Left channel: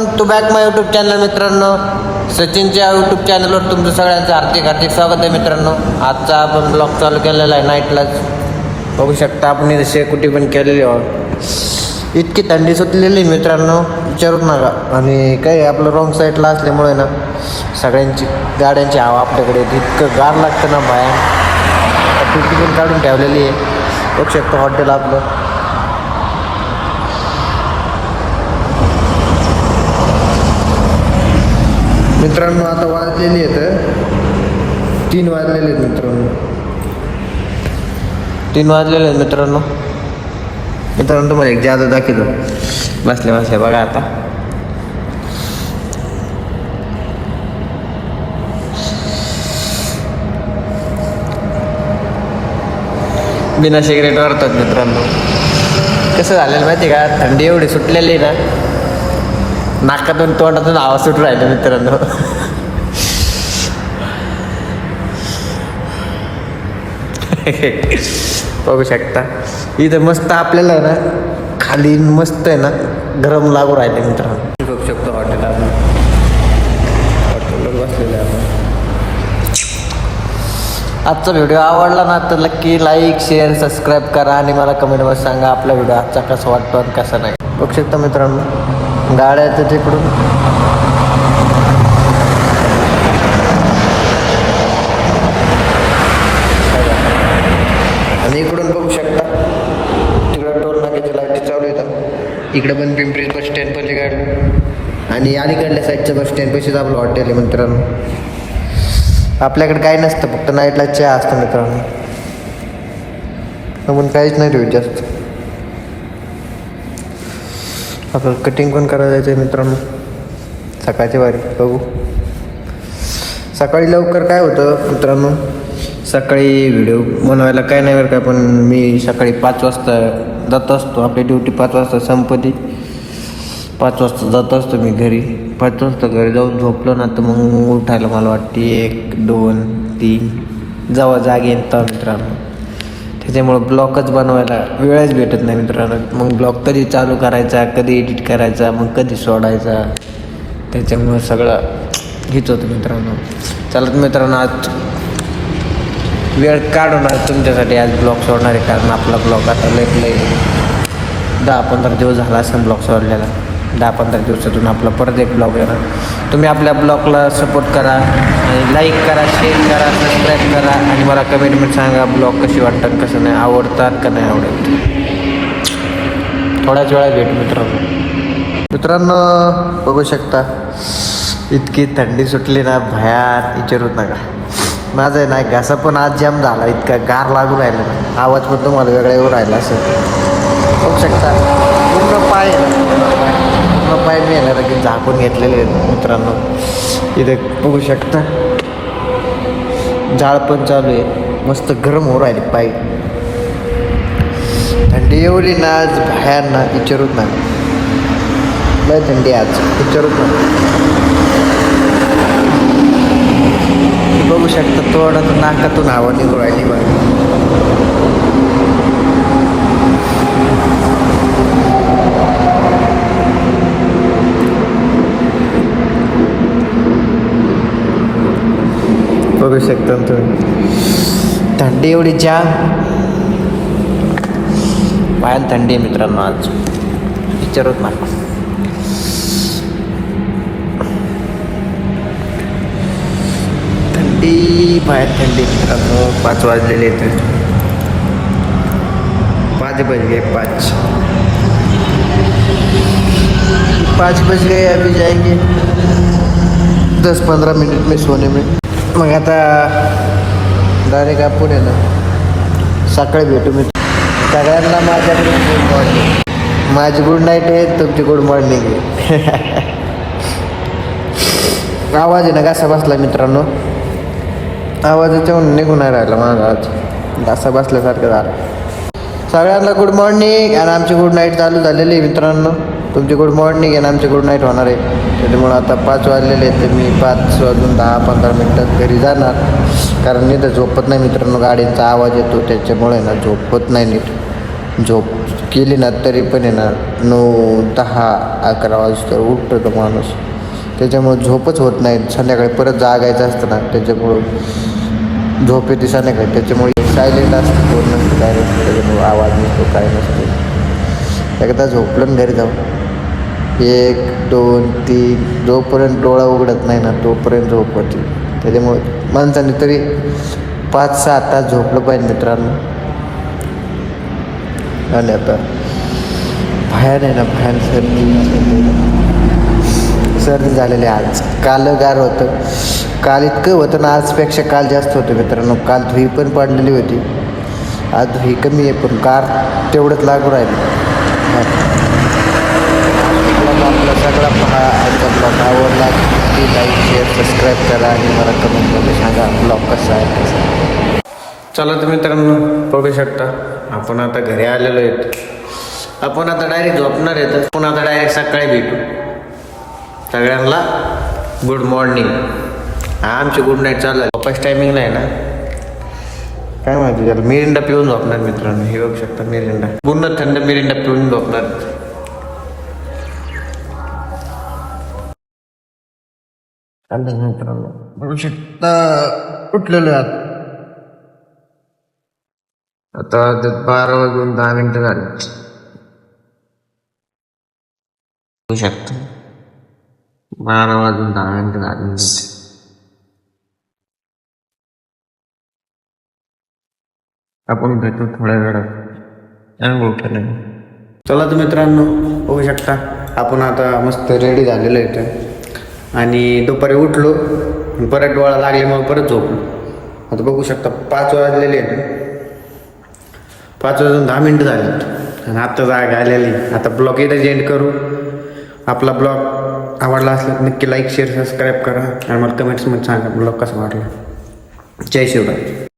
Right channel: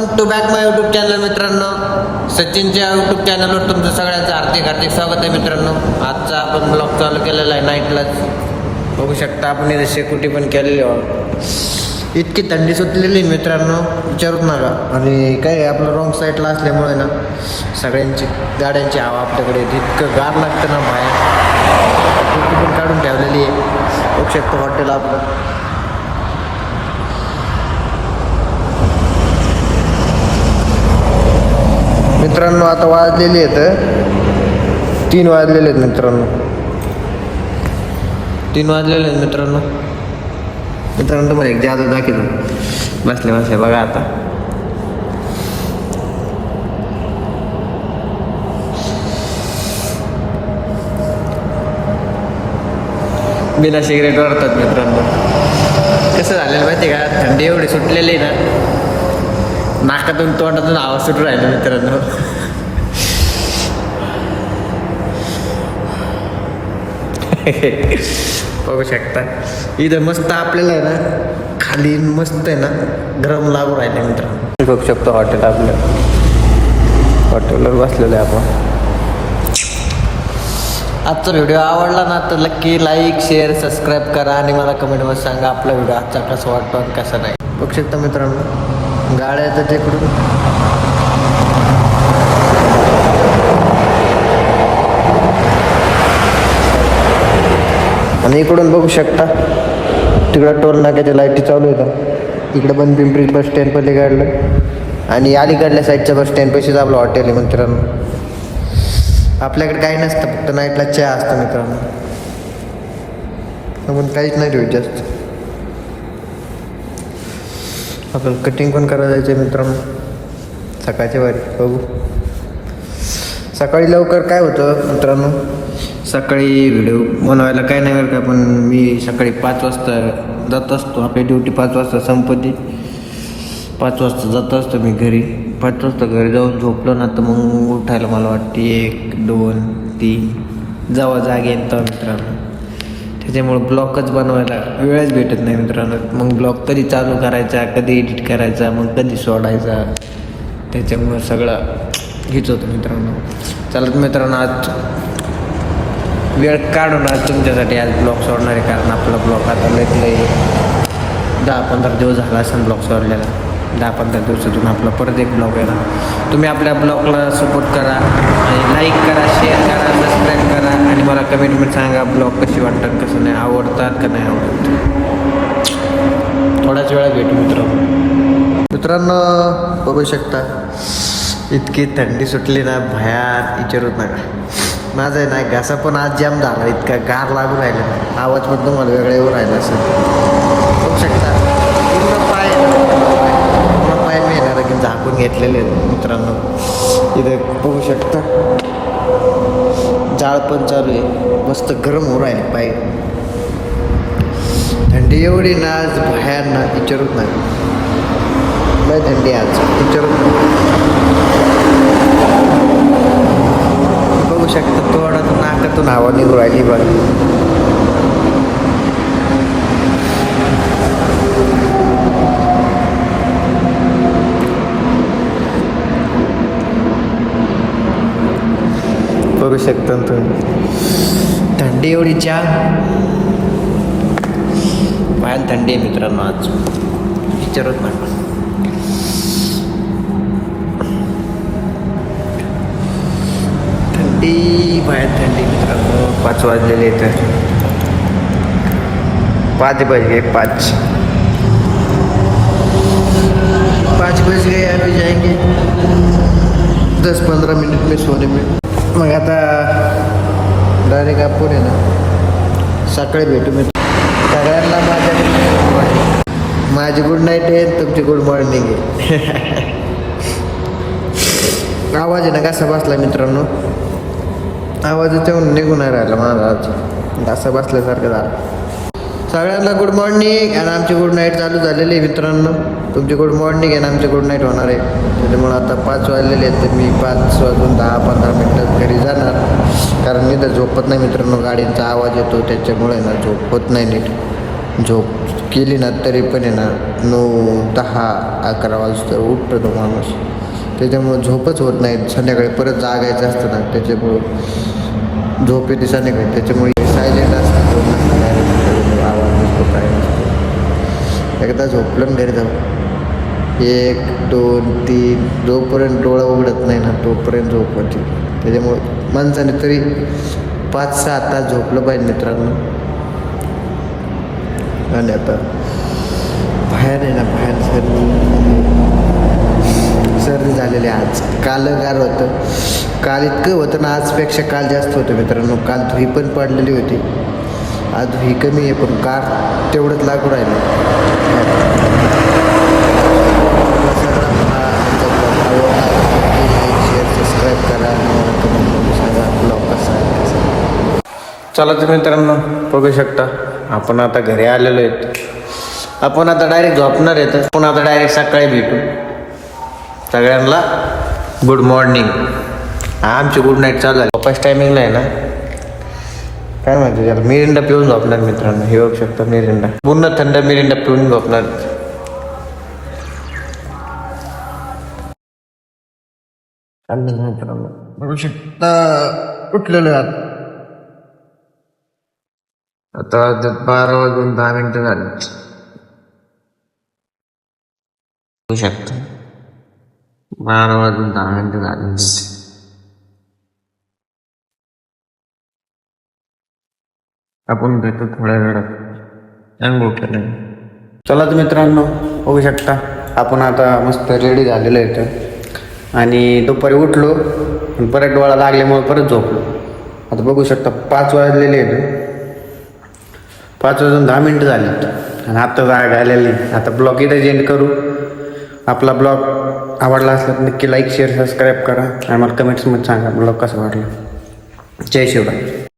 Welcome to back my YouTube channel मित्रांनो. सचिनच्या YouTube चॅनलवर तुमचं सगळ्यांचं हार्दिक स्वागत आहे मित्रांनो. आजचा आपण ब्लॉग चालू केलेला आहे नाईटलाच. बघू शकता आपण इथे शेकोटी पण केलेली आहे. इतकी थंडी सुटलेली मित्रांनो विचारूच नका. आणि काही आपलं रॉंग साईडला असल्यामुळे ना सगळ्यांची गाड्यांची हवा आपल्याकडे इतकं गार लागतं ना बाहेर. टोपी पण काढून ठेवलेली आहे. बघू शकतो हॉटेल आपलं. मित्रांनो आता वाजलेले आहेत 3 वाजलेले आहेत मित्रांनो. 3 वाजलेले आहेत मित्रांनो. तुम्हाला एक जादू दाखवतो बसल्या बघा. आता बिना शिगरी मारतात मित्रांनो. कसं झालेलं माहिती आहे का, थंडी एवढी सुटलेली आहे ना, नाकातून तोंडातून आवाज सुटून राहिला मित्रांनो. बघू शकता इथं मस्त आपल्याला आहे ना, खाली मस्त आहे ना गरम लागू राहिलं मित्रांनो. बघू शकतो हॉटेल आपलं. हॉटेलवर बसलेलं आहे आपण. आजचा व्हिडिओ आवडला ना तर नक्की लाईक शेअर सबस्क्राईब करा आणि मला कमेंटमध्ये सांगा आपला व्हिडिओ आजचा कसा वाटतो आणि कसा नाही. बघू शकता मित्रांनो गाड्याचं तिकडून आणि इकडून बघू शकता तिकडं टोल नाक्याच्या लाईटी चालू येतात. इकडं पण पिंपरी बस स्टँड पलीकडलं आणि अलीकडल्या साईडच्या बस स्टँड पैसेच आपलं हॉटेल आहे मित्रांनो. आपल्याकडे काही नसतं, फक्त नाईटला चहा असतं मित्रांनो. आपण काहीच नाही ठेवत जास्त. आपण कटिंग पण करायला जायचं आहे मित्रांनो सकाळच्या वारी. बघू सकाळी लवकर काय होतं मित्रांनो, सकाळी व्हिडिओ बनवायला काय नाही बरं का, पण मी सकाळी 5 वाजता जात असतो. आपली ड्युटी 5 वाजता संपते. 5 वाजता जात असतो मी घरी. 5 वाजता घरी जाऊन झोपलो ना तर मग उठायला मला वाटते 1, 2, 3 जेव्हा जागे येतात मित्रांनो. त्याच्यामुळं ब्लॉगच बनवायला वेळच भेटत नाही मित्रांनो. मग ब्लॉग कधी चालू करायचा, कधी एडिट करायचा, मग कधी सोडायचा, त्याच्यामुळं सगळं हेच होतं मित्रांनो. चला मित्रांनो आज वेळ काढून आज तुमच्यासाठी आज ब्लॉग सोडणार आहे. कारण आपला ब्लॉग आता लय 10-15 दिवस झाला असं ब्लॉग सोडलेला. 10-15 दिवसातून आपला परत एक ब्लॉग येणार. तुम्ही आपल्या ब्लॉगला सपोर्ट करा आणि लाईक करा, शेअर करा, सबस्क्राईब करा आणि मला कमेंटमध्ये सांगा ब्लॉग कशी वाटतात, कसं नाही, आवडतात का नाही आवडत. थोड्याच वेळा भेटू मित्रांनो. बघू शकता इतकी थंडी सुटली ना भयात विचारूच नका. माझा आहे ना घासा पण आज जाम झाला, इतका गार लागून राहिला. आवाज पण तुम्हाला वेगळ्यावर राहिला असेल. बघू शकता पूर्ण पाय मी येणार की झाकून घेतलेले मित्रांनो. इथे बघू शकता जाळ पण चालू आहे, मस्त गरम होऊ राहिले पाय. थंडी एवढी ना आज भयानक विचारूच नाही. लय थंडी आज विचारूच नाही. बघू शकता थोडं नाकातून हवा निघू राहिली बरं. बघू शकता तुम्ही थंडी एवढी जाम भयान थंडी आहे मित्रांनो आज विचारत नका. थंडी भयान थंडी मित्रांनो. 5 वाजलेले आहेत. 5 बज गए 5 बज गए. अभी जाएंगे 10-15 मिनट में सोने में. मग आता गाडी कापून आहे ना सकाळी भेटू मी सगळ्यांना. माझ्या गुड मॉर्निंग. माझी गुड नाईट आहे, तुमची गुड मॉर्निंग आहे. आवाज आहे ना कसा बसला मित्रांनो, आवाजाच्या निघून नाही राहिला माझा. घासा बसल्यासारखं झालं. सगळ्यांना गुड मॉर्निंग आणि आमची गुड नाईट चालू झालेली आहे मित्रांनो. तुमची गुड मॉर्निंग आणि आमची गुड नाईट होणार आहे. त्याच्यामुळं आता 5 वाजलेले आहेत तर मी 5 वाजून 10-15 मिनटात घरी जाणार. कारण मी तर झोपत नाही मित्रांनो, गाडींचा आवाज येतो त्याच्यामुळे ना झोपत नाही नीट. झोप केली ना तरी पण आहे ना 9-10-11 वाजता उठतो तो माणूस. त्याच्यामुळं झोपच होत नाही. संध्याकाळी परत जागायचं असतं ना, त्याच्यामुळं झोप येते संध्याकाळी. त्याच्यामुळे सायलेंट असतं, फोन नसतं, काय नसतं, त्याच्यामुळं आवाज नसतो, काय नसतो. एकदा झोपलं घरी जाऊ 1, 2, 3 जोपर्यंत डोळा उघडत नाही ना तोपर्यंत झोप होते. त्याच्यामुळे माणसाने तरी 5-6 तास झोपलं पाहिजे मित्रांनो. आणि आता बाहेर आहे ना, बाहेर सर्दी झालेली आज. काल गार होतं, काल इतकं होतं ना, आजपेक्षा काल जास्त होतं मित्रांनो. काल धुई पण पडलेली होती, आज धुई कमी आहे पण कार तेवढंच लागू राहिलं. ब्लॉग आपला सगळा पहा. आजचा ब्लॉग आवडला की लाईक शेअर सबस्क्राईब करा आणि मला कमेंटमध्ये सांगा ब्लॉग कसा आहे कसा. चला तर मित्रांनो, बघू शकता आपण आता घरी आलेलो आहे. आपण आता डायरेक्ट झोपणार आहे. आपण आता डायरेक्ट सकाळी भेटू. सगळ्यांना गुड मॉर्निंग. आमची गुड नाईट चालू आहे. फर्स्ट टायमिंग नाही ना, काय माहिती त्याला. मिरिंडा पिऊन झोपणार मित्रांनो. हे बघू शकता मिरिंडा, पूर्ण थंड मिरिंडा पिऊन झोपणार. मित्रांनो बघू शकता उठलेलो आहे आता 12:10 झाले. बघू शकता 12:10 झाले. आपण भेटू थोड्या वेळात. चला तर मित्रांनो, बघू शकता आपण आता मस्त रेडी झालेलो आहे. आणि दुपारी उठलो आणि परत डोळा लागल्यामुळे परत झोपलो. आता बघू शकता 5 वाजलेले आहेत. 5:10 झाले आणि आत्ता जाग आलेली. आता ब्लॉग इथं एंड करू. आपला ब्लॉग आवडला असेल नक्की लाईक शेअर सबस्क्राईब करा. आम्हाला कमेंट्समध्ये सांगा ब्लॉग कसा वाटला. जय शिवराय.